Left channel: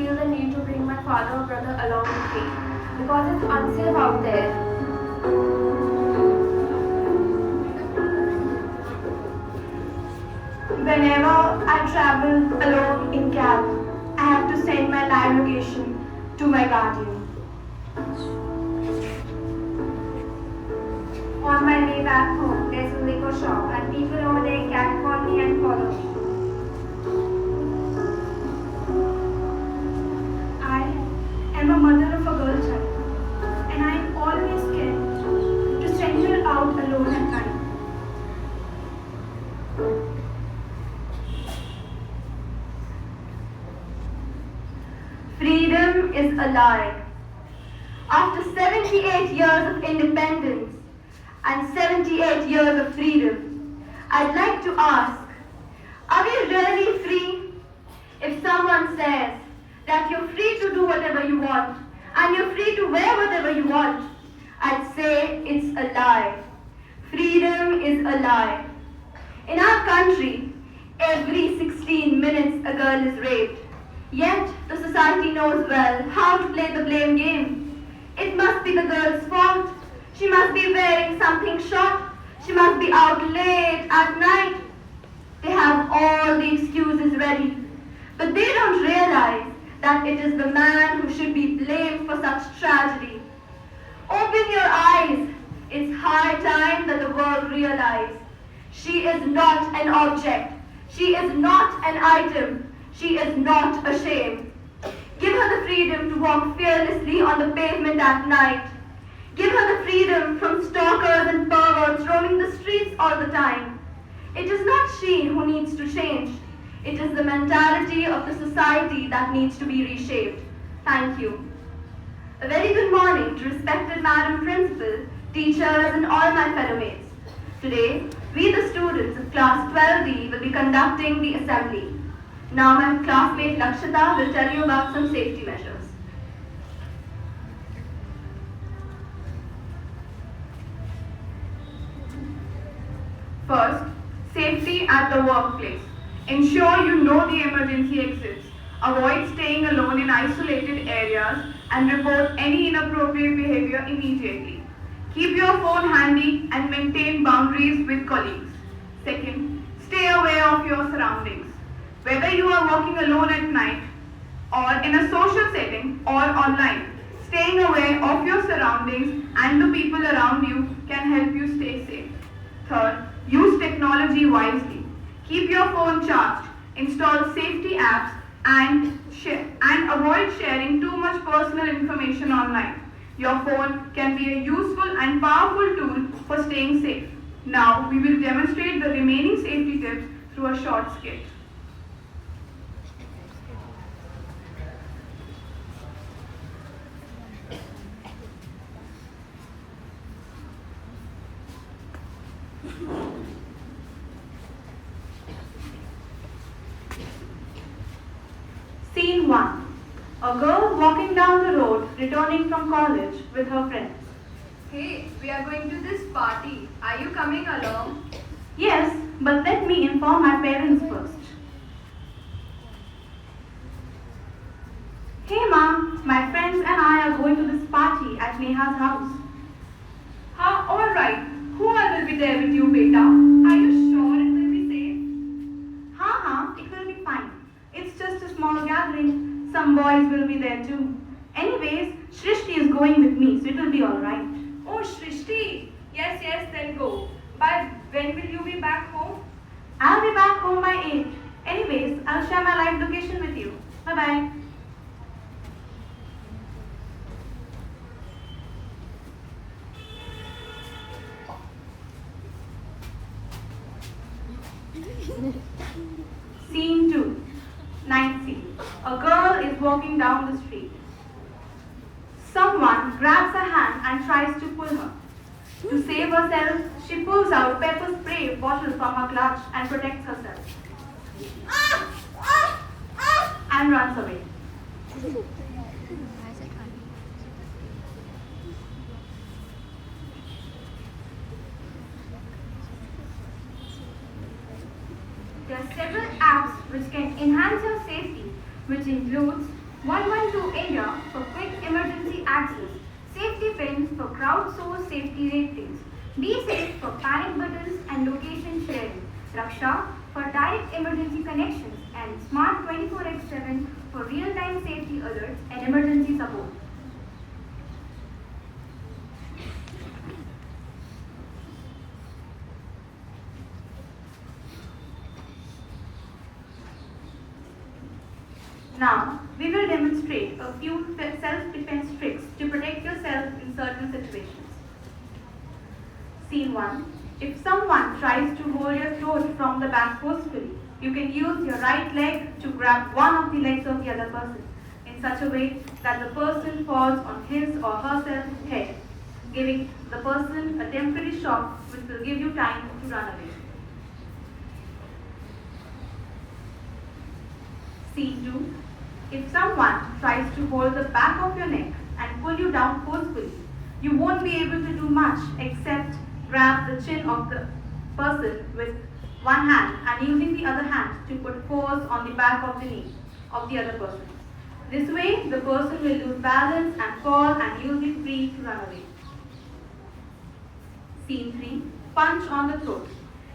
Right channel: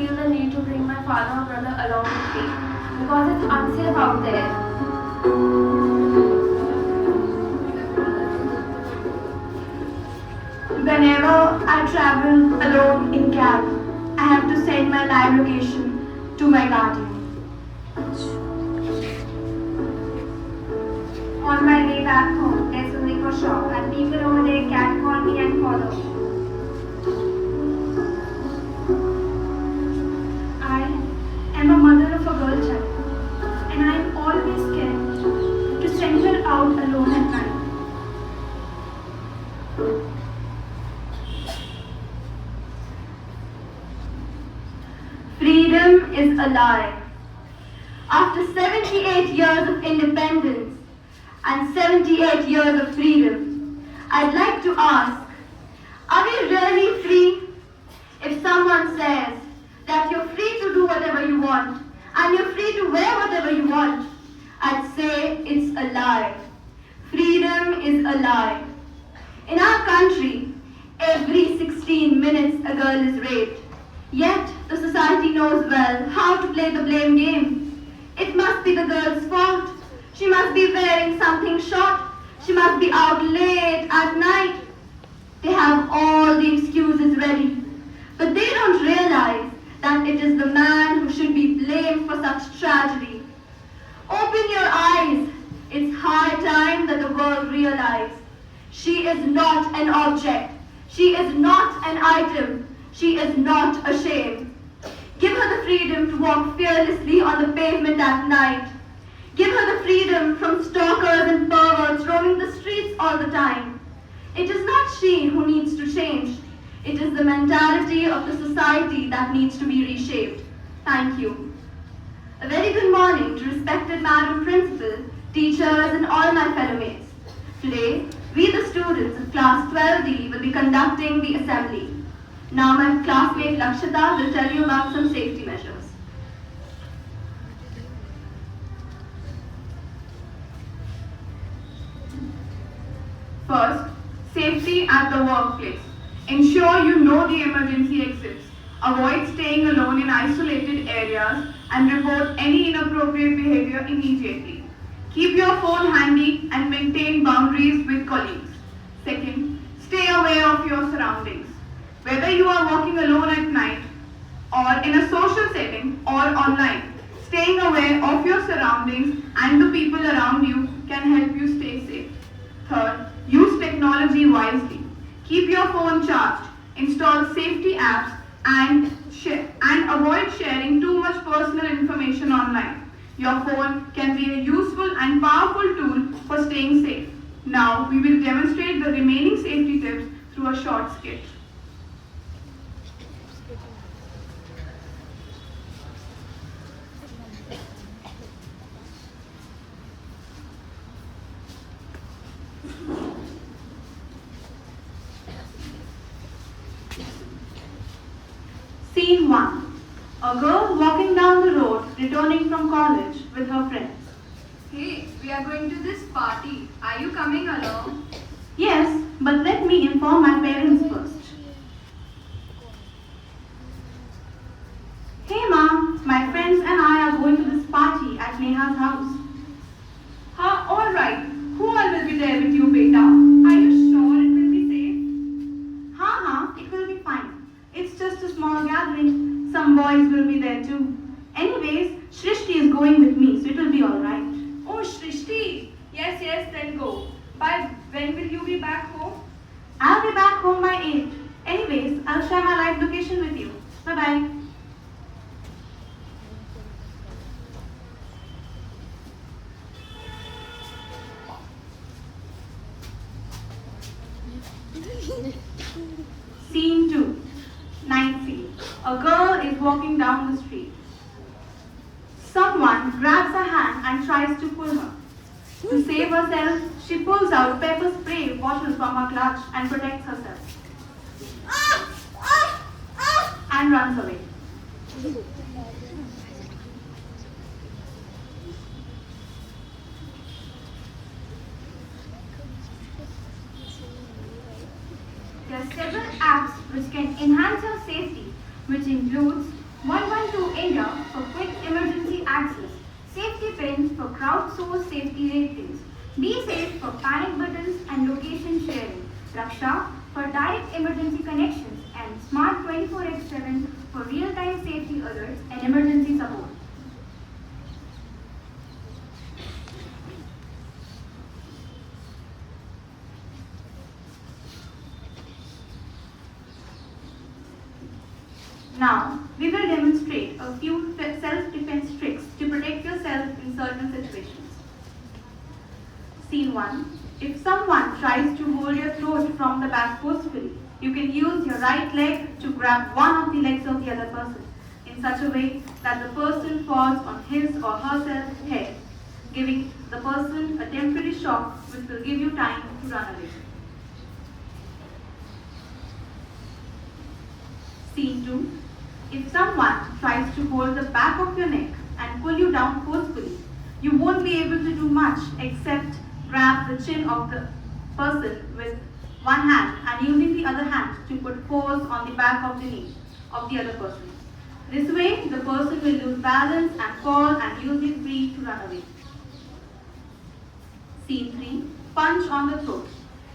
feel the need to bring my father or brother along with me because it's unsafe out there. Whenever I travel alone in cab, I have to send my live location to my guardian. On my way back home, there's a liquor shop and people over there catcall me and follow me. I am a mother of a girl child, and I am always scared to send her out alone at night. Freedom is a lie. After 78 years of independence and 78 years of freedom, I'd like to ask, are we really free? If someone says that you're free to do whatever you want and you're free to wear whatever you want, I'd say it's a lie. Freedom is a lie. In our country, every 16 minutes a girl is raped. Yet the society knows well how to play the blame game. It must be the girl's fault. She must be wearing something short. She must be out late at night. They have all the excuses ready. But they don't realize that it is the man who should be blamed for such tragedy. Open your eyes. It's high time that the world realize. She is not an object. She is not an item. She is not ashamed. Give her the freedom to walk fearlessly on the pavement at night. Give her the freedom from stalkers and perverts roaming the streets all the time. It is not she who needs to change. It is the mentality of the society that needs to be reshaped. Thank you. A very good morning to respected Madam Principal, teachers and all my fellow mates. Today, we the students of class 12D will be conducting the assembly. Now my classmate Lakshita will tell you about some safety measures. First, safety at the workplace. Ensure you know the emergency exits. Avoid staying alone in isolated areas and report any inappropriate behavior immediately. Keep your phone handy and maintain boundaries with colleagues. Second, stay aware of your surroundings. Whether you are working alone at night or in a social setting or online, staying aware of your surroundings and the people around you can help you stay safe. Third, use technology wisely. Keep your phone charged, install safety apps and avoid sharing too much personal information online. Your phone can be a useful and powerful tool for staying safe. Now we will demonstrate the remaining safety tips through a short sketch. Scene 1. A girl walking down the road returning from college with her friends. Hey, we are going to this party. Are you coming along? Yes, but let me inform my parents first. Hey mom, my friends and I are going to this party at Neha's house. Alright. Who all will be there with you, beta? Are you sure it will be safe? It will be fine. It's just a small gathering. Some boys will be there too. Anyways, Shrishti is going with me, so it will be alright. Oh, Shrishti. Yes, then go. By when will you be back home? I'll be back home by 8. Anyways, I'll share my live location with you. Bye-bye. Scene 2. Night scene. A girl is walking down the street. Someone grabs her hand and tries to pull her. To save herself, she pulls out pepper spray bottle from her clutch and protects herself. And runs away. There are several apps which can enhance your safety, which includes 112 India for quick emergency access. Safety pins for crowdsourced safety ratings. Be safe for panic buttons and location sharing. Raksha for direct emergency connections. And Smart 24/7 for real-time safety alerts and emergency support. Now, we will demonstrate a few self-defense tricks to protect yourself in certain situations. Scene 1. If someone tries to hold your throat from the back forcefully, you can use your right leg to grab one of the legs of the other person in such a way that the person falls on his or herself head, giving the person a temporary shock which will give you time to run away. Scene 2. If someone tries to hold the back of your neck and pull you down forcefully, you won't be able to do much except grab the chin of the person with one hand and using the other hand to put force on the back of the knee of the other person. This way, the person will lose balance and fall and you'll be free to run away. Scene 3. Punch on the throat.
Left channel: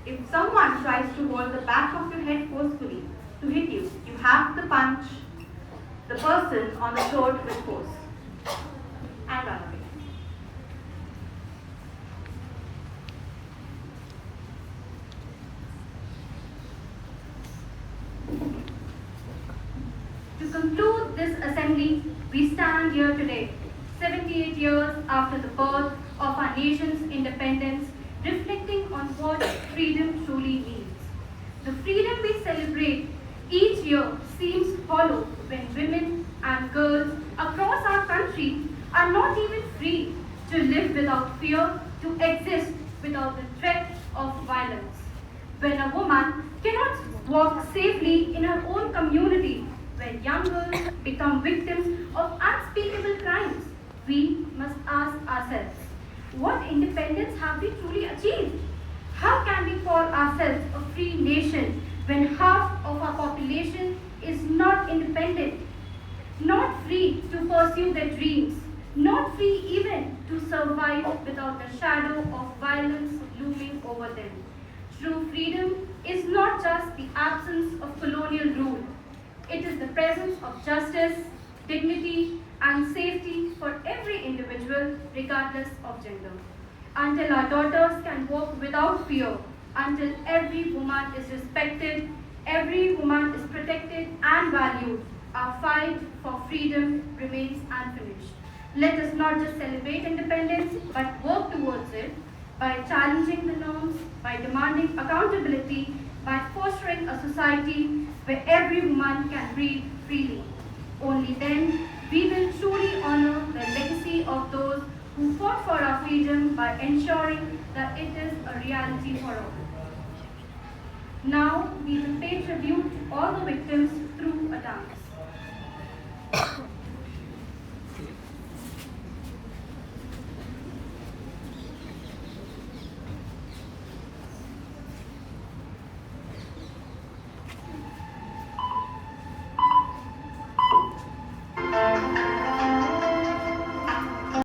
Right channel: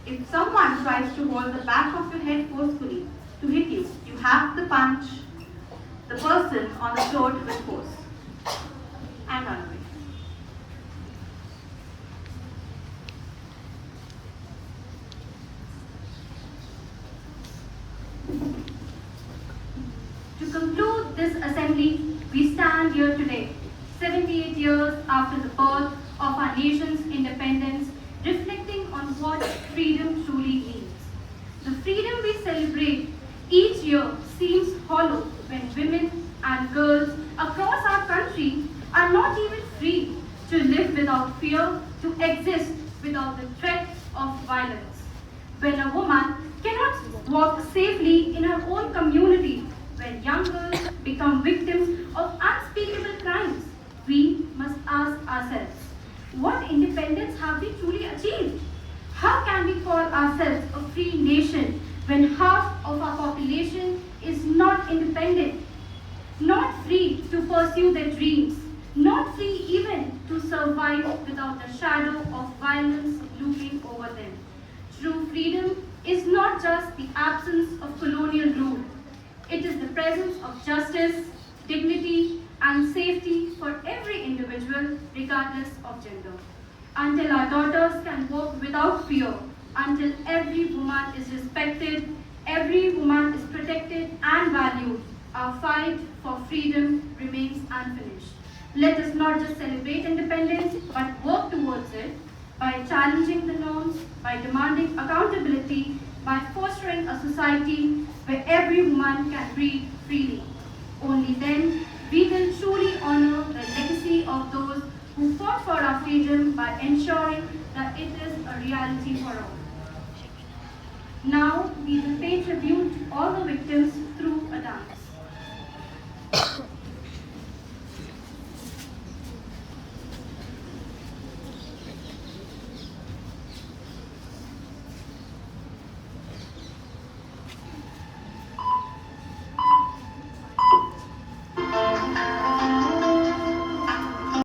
If someone tries to hold the back of your head forcefully to hit you, you have to punch the person on the throat with force and run away. To conclude this assembly, we stand here today, 78 years after the birth of our nation's independence, reflecting on what freedom truly means. The freedom we celebrate each year seems hollow when women and girls across our country are not even free to live without fear, to exist without the threat of violence. When a woman cannot walk safely in her own community, when young girls become victims of unspeakable crimes, we must ask ourselves, what independence have we truly achieved? How can we call ourselves a free nation when half of our population is not independent, not free to pursue their dreams, not free even to survive without the shadow of violence looming over them? True freedom is not just the absence of colonial rule. It is the presence of justice, dignity, and safety for every individual, regardless of gender. Until our daughters can walk without fear, until every woman is respected, every woman is protected and valued, our fight for freedom remains unfinished. Let us not just celebrate independence, but work towards it by challenging the norms, by demanding accountability, by fostering a society where every woman can breathe freely. Only then we will truly honor the legacy of those who fought for our freedom by ensuring that it is a reality for all. Now we will pay tribute to all the victims through a dance.